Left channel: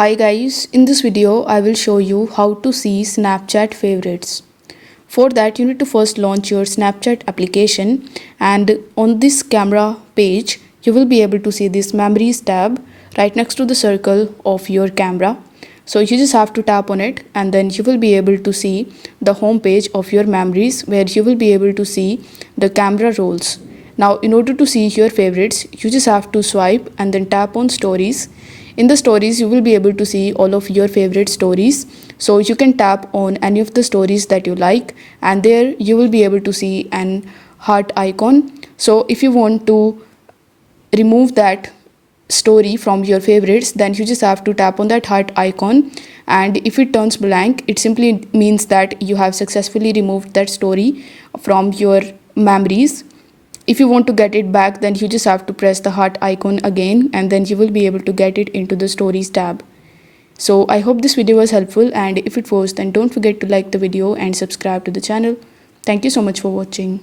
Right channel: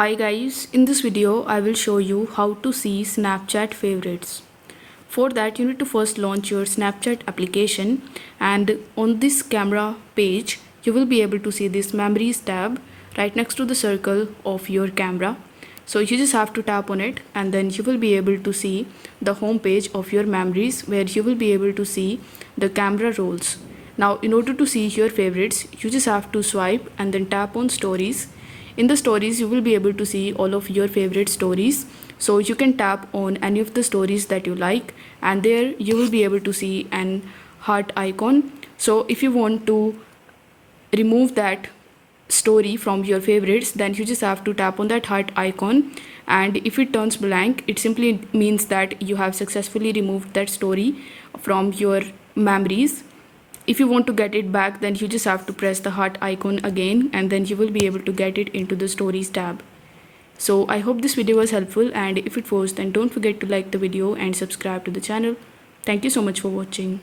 Hi guys, in this video I will show you how to see Snapchat favorites. For that you need to first launch your Snapchat application, and on this camera page you will be able to see this memories tab right next to the circle of your camera. So you just have to tap on it and then you will be able to see the home page of your memories where you will be able to see the camera rolls. Now in order to see your favorites you just have to swipe and then tap on stories. In the stories you will be able to see all of your favorite stories, so you can tap on any of the stories that you like and there you will be able to see an heart icon. So if you want to remove that story from your favorites, then you just have to tap on that heart icon, and if it turns blank it simply means that you have successfully removed that story from your memories. If you want to get it back, then you just have to press the heart icon again and then you will be able to get it into the stories tab. So I hope this video was helpful, and if it was then don't forget to like the video and subscribe to the channel. Thank you so much for watching.